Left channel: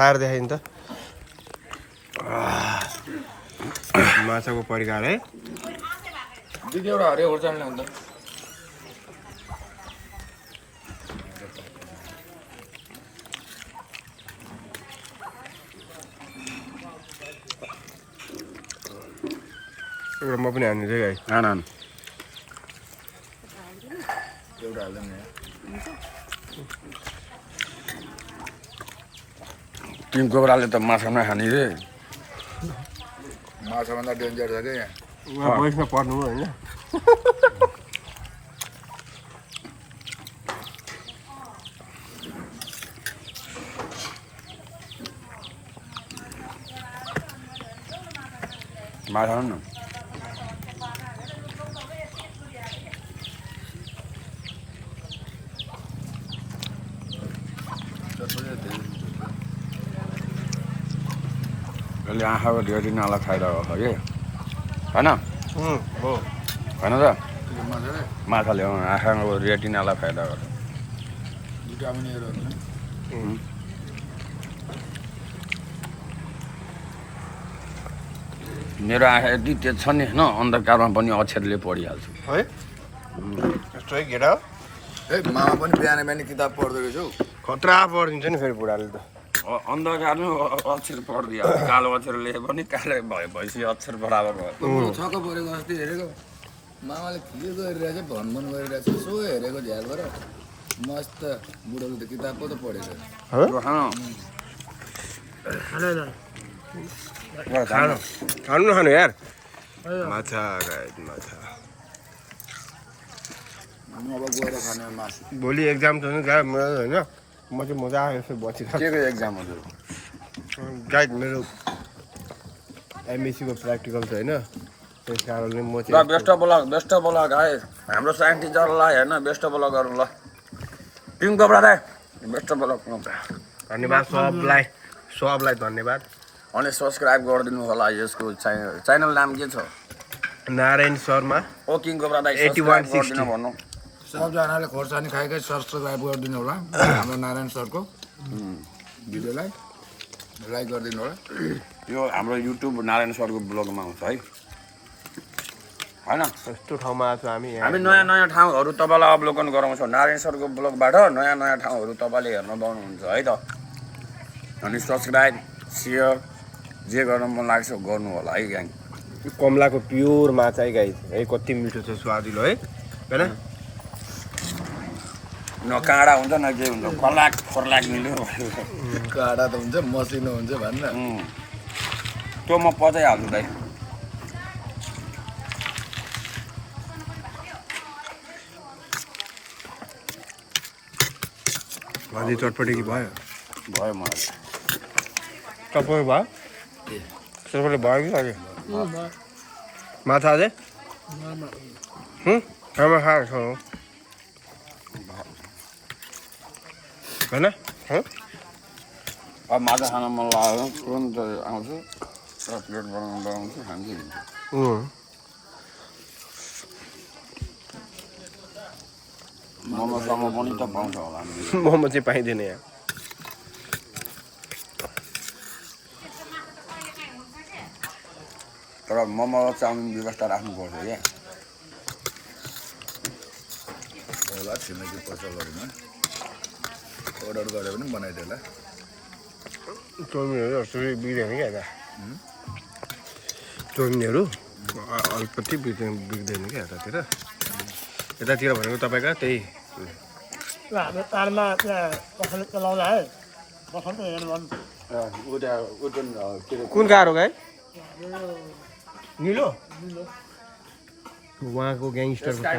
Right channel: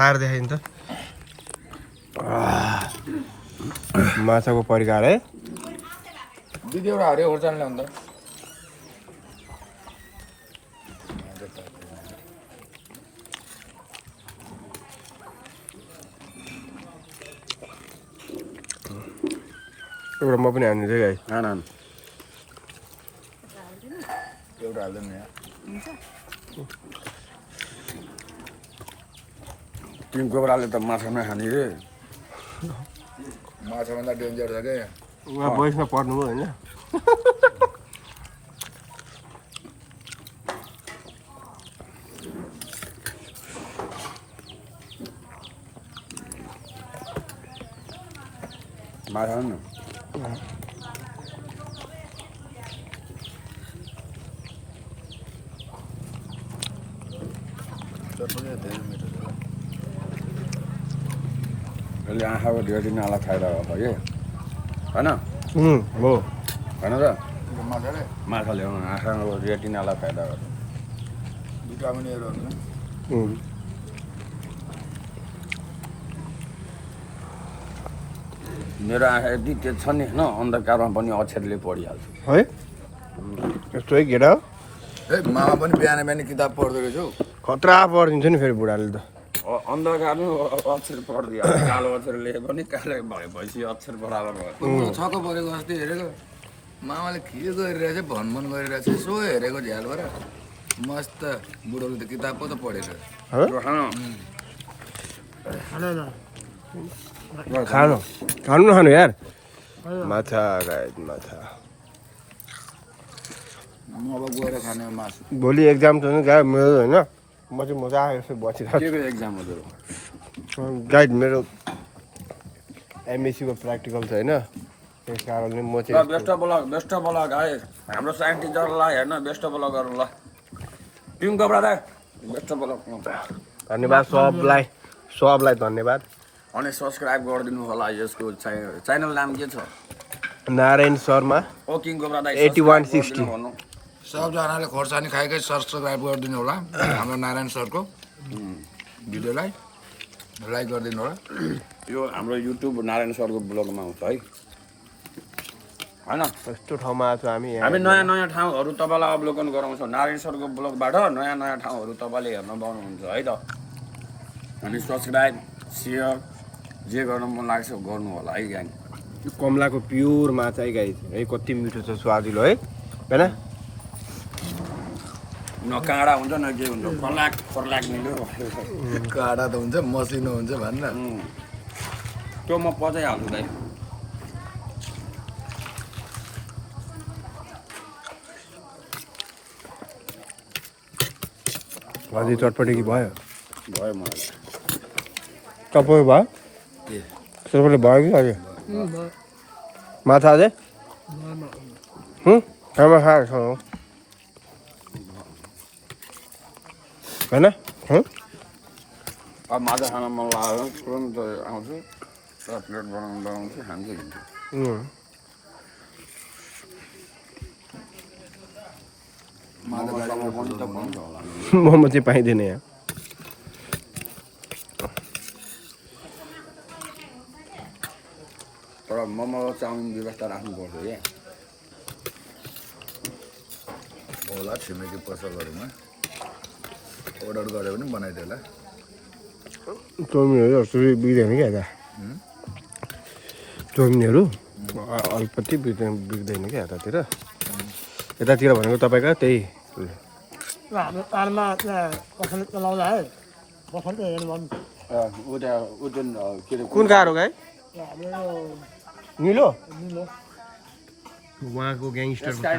खाएर देखाइ नि त माछाको परिकार है दिदी एउटा हरियो खोर्सानी ल्याउँदा एउटा म पनि हान्छु है गाई एउटा हाल्दैन यहाँ टिम कोब्राले त माछा नखाने रे माछाभन्दा डेन्जर छ क्या यहाँ उहाँ बयसमा पर्नु हो होइन माछा न यसले आँखाको रेटिनालाई फाइदा गर्छ कि होइन हो होइन त माछाले माछाले आँखाको रेटिनालाई फाइदा गर्छ भिटामिनहरू हुन्छ मेरो आँखा यति तेज छ नि होइन अन्धकारमा पनि अक्षरले पढिहाल्छु है यस्तो है केटा मामा पनि बिहान बिहान किताब पढ्दो रहेछौ खतरा पढिदिन्छ नि फेरि बुढाले त अन्धकारमा अक्षर पढिदिइहाल्छ कालो अक्षर लेखे पनि कालो भएपछि अक्षर बराबर भयो छक्क परेको जस्तै हेरेको मामाले के गरिरहेछ भनभन गरिरहेछ यसो हेरेको झ्यालबाट मस्त बुढोले त किताब पो त पढेको खानु खानु नखानु यार माछा गाइड माछा म अब गएर खाने मासु भोलि एक्जाम छ नि गाइड मेरो होइन म चाहिँ मजा आयो यसो बसिरहेको के एक्जाम हजुर गाइड मेरो एमएससीको प्र्याक्टिकल छ होइन त्यस कारणले म चाहिँ बेस्ट अफ लक है हाम्रो साइन्स टिचरलाई हेर्न बेस्ट अफ लक गरौँ ल टिम कोब्रा दाइ बेस्ट अफ लक धन्यवाद सबलाई धन्यवाद अनि सब्सक्राइब गरिदिनु होला यसको च्यानल नाम के छ नारायण शर्मा ओ किङ कोब्रा दाइ 8160 भन्नु सबजनाले खोर्सानी खाएकै सब्सक्राइब गरिदिनु होला हाम्रो नारायण सरको भिडियोलाई लाइक गरिदिनु होला यो हाम्रो युट्युब नारायण सरको ब्लगमा आउँछ है होइन यस्तो ठाउँमा आज हामी हामी नयाँ नयाँ ठाउँहरू तपाईँलाई अवलोकन गराउँछौँ नारायण सरको ब्लगबाट नयाँ नयाँ ठाउँहरू तपाईँले हेर्न पाउनुहुन्छ है त अनि सब्सक्राइब सेयर जे गर्न मन लाग्छ गर्नु होला है ग्याङ कमलाको प्योर माछा है गाई है कति मिठो छ स्वादिलो है होइन न काँडा हुन्छ न के हुन्छ फर्लाक मिल्यो काँडा त हुन्छ मसिनो हुन्छ भन्न त्यो म पचाइहाल्छु दाइ भाजी चटपटी कि भयो भयो मलाई तपाईँ भयो सबैले भयो कि अहिले माछा अझै खाना खाएर छ होइन अब माछा खान मन लाग्यो भने तुरन्त आउँछु प्लेट बनाउँछु खान्छु मोमोसँग पनि त पाउँछ होला मोमो चाहिँ पाइँदैन यहाँ तर मोमो र चाउमिन व्यवस्था राख्नुपर्छ क्या होला छिमेकी पसलहरूमा अर्डर गरेर पनि बनाइदियो होला चाउमिनहरू जस्तो बिग्दैन क्या यता चाउमिनहरू अलिकति बिग्दैन क्या यतातिर यतातिर भनेको तपाईँको त्यही हाम्रो पारमा त्यहाँ पसल चलाउँदा है पसल त हेर्नु भन्नु कुन कार हो गाई निलो उहाँको ग्याङस्टरको कार